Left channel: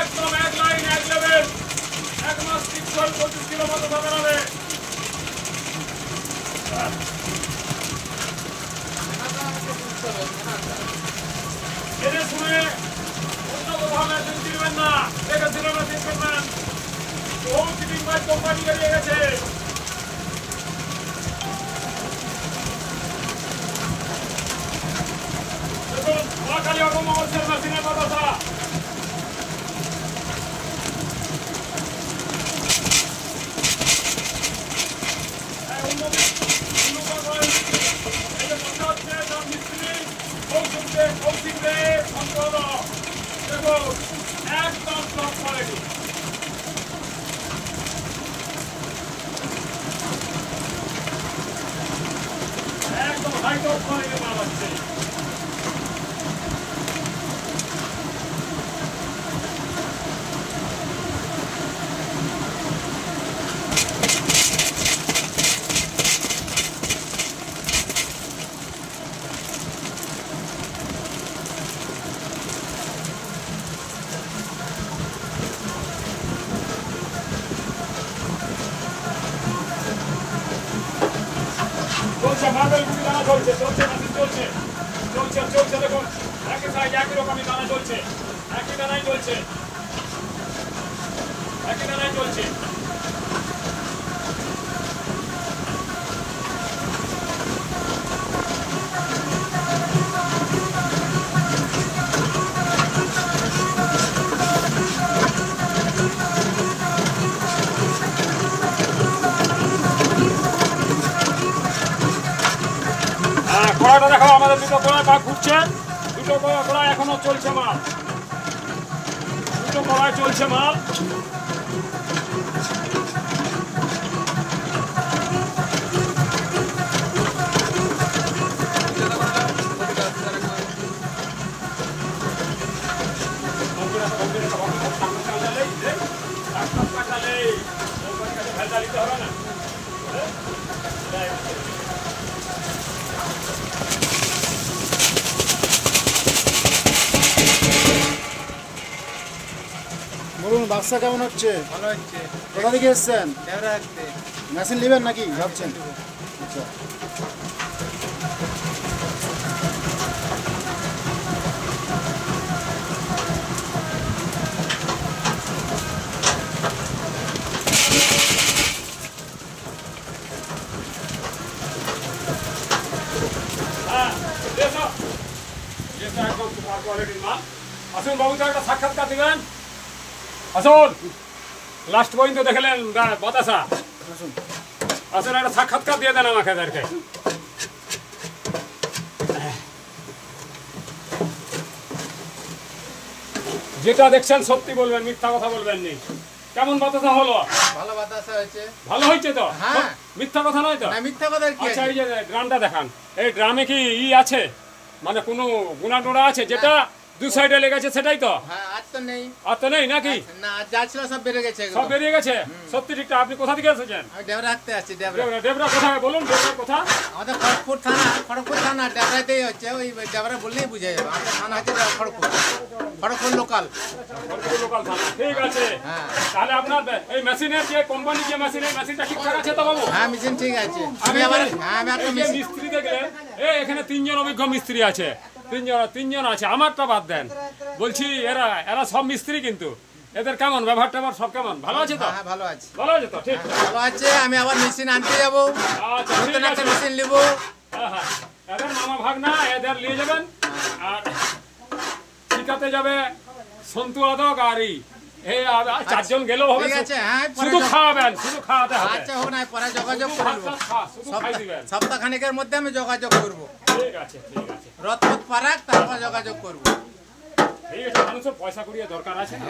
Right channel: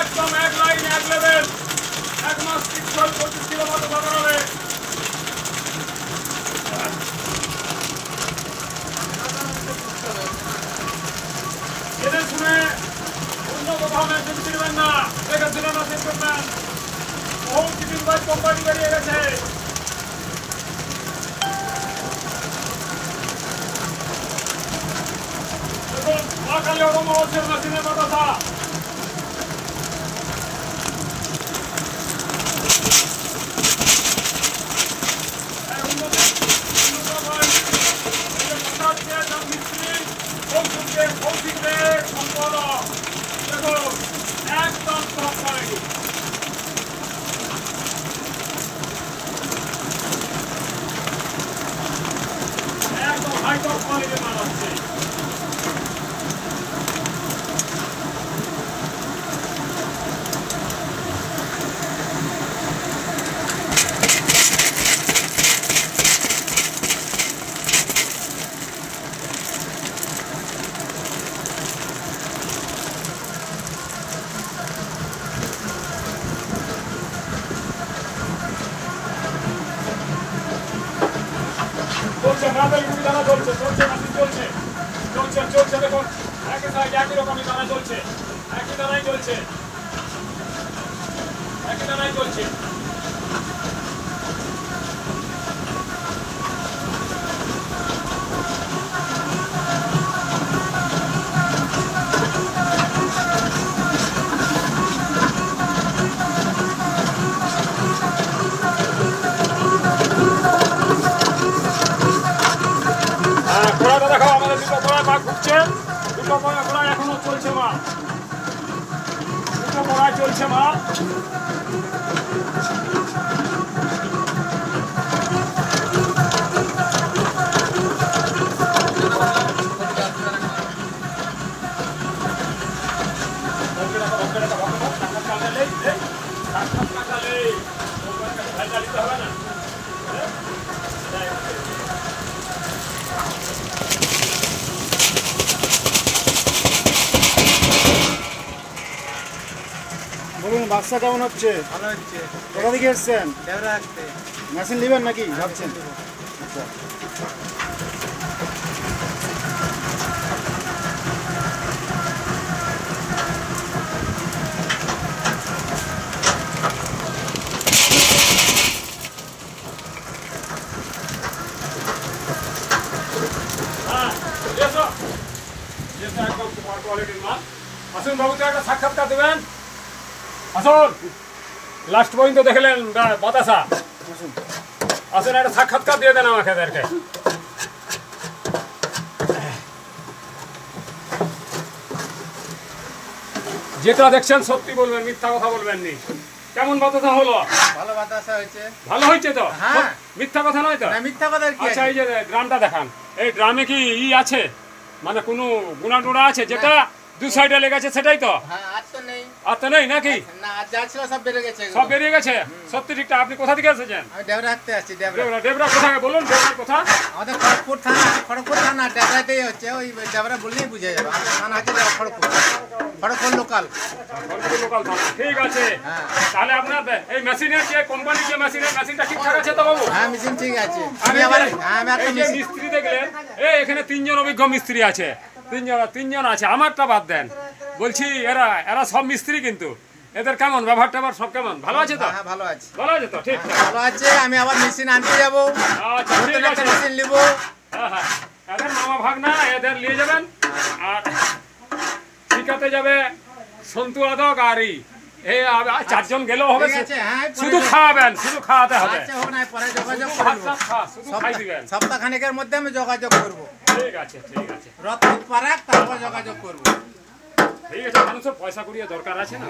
একদম এক লাইন এক লেভেল এক মাস 25 কিলো মতো বাজারে এদের শুনে অন্য কোথাও মেশিন কিনবেন না, এটা ছিল মেশিন করবেন। বহু দিন বাদ কোম্পানি বেরিয়ে গেছে। দেখুন মহাকালী অগমবর্ষের মেশিনের কথা একদম টপ কোয়ালিটি। একদম হাই টপ কোয়ালিটির মাল হচ্ছে। চলছে দেখুন একই রকমই দানা চলছে, একই দানাই চলছে, একই দানাই চলছে। ঘোড়াটা দেখো, আমাদের দুটো ঘোড়া ভাগ ঘুরছে, দুটো ঘোড়া এখনো চলছে মাল, দুটো ঘোড়ায় চলছে মাল। বলুন ব্যবসা কেমন হচ্ছে? ভালো হচ্ছে। কোথা থেকে এসছেন? দেবরা রাখতে মেশিন নেবেন নাকি ভাবছেন? আচ্ছা আসুন বাবুকে একটা সাক্ষাৎকার দেবেন। আসুন, লাস্ট পর্যন্ত দেখলেন বাতাসা, আসুন একটা সাক্ষাৎকার দিয়ে দেন আমাকে এদেরকে। যেটা দেখছেন সত্যি বলবেন, মিথ্যা কথা বলবেন নি। কেমন বাতাসা হলো? ভালো বাতাসা হয়েছে। ভালো হয়েছে তো? হ্যাঁ, মিথ্যা কথা নয় তো? না মিথ্যা কথা কি? আচ্ছা, এই যে ড্রামটা দেখান, এই ড্রামে কি আছে, মানে কোনো গুণা টুনা আছে? যেটা দু সাইডে লেগেছে সেটাই তো? হ্যাঁ, আর তো নেই। আর তো নেই নাকি? না, যা ছিল সব বেরিয়ে গেছে। সব বেরিয়ে গেছে? সত্যি ঠিকঠাক। আপনি কোথা থেকে এসেছেন? আমি দেবরা রাখতে আসছি। দেবরা ডেবরা কোথায় বলুন? ডেবরার কথা আমাদের খড়গপুর থানা দেবরাতেই হচ্ছে। ওই দেবরা বললেই বুঝে যাবে। আমাদের থানা হচ্ছে খড়গপুর লোকাল। লোকাল থানা, ঠিক আছে। তাহলে আপনার এই মেশিনের যে কোম্পানি, যে মেশিনটা ঠিকঠাক আছে তো বাবু? হ্যাঁ, মেশিন ঠিক আছে। আমি একটা মিস্ত্রি দেখলেন, এখানে 3 জন অভিজ্ঞ মিস্ত্রি আছে, তিনজন আছে, আমারটা বাদ দেন। বলছি এরা সব মিস্ত্রি, কিন্তু এদের কেমন ব্যবহার ট্যাবহার সব কেমন? ভালো আছে তো? হ্যাঁ, ভালো আছে। ভালো আছে তো? ঠিক ভালো আছে। আমি আবার মেশিন আনতে যাবো। আচ্ছা, ঠিক আছে, মেশিন নেবো। হ্যাঁ হ্যাঁ, এদের মামা ভাগ না, এদের নিয়ে যাবেন। আর ঠিকাতে যাবে সন্তু আদক আর এই চারজন গেলেও হবে, ঠিক আছে, হ্যাঁ, শুধু খাওয়াবেন, শুধু খাওয়াতে হবে। আচ্ছা হোক না, পরে যোগাযোগ করবো। শুধু খাই দিবেন। সপ্তাহখানেকের মধ্যে আমি যোগাযোগ করবো। ঠিক আছে, ঠিক আছে, রথ পারাক, তারপর যোগাযোগ করবো। ঠিক আছে। মানুষের পয়সা করিয়ে দরকার আছে না।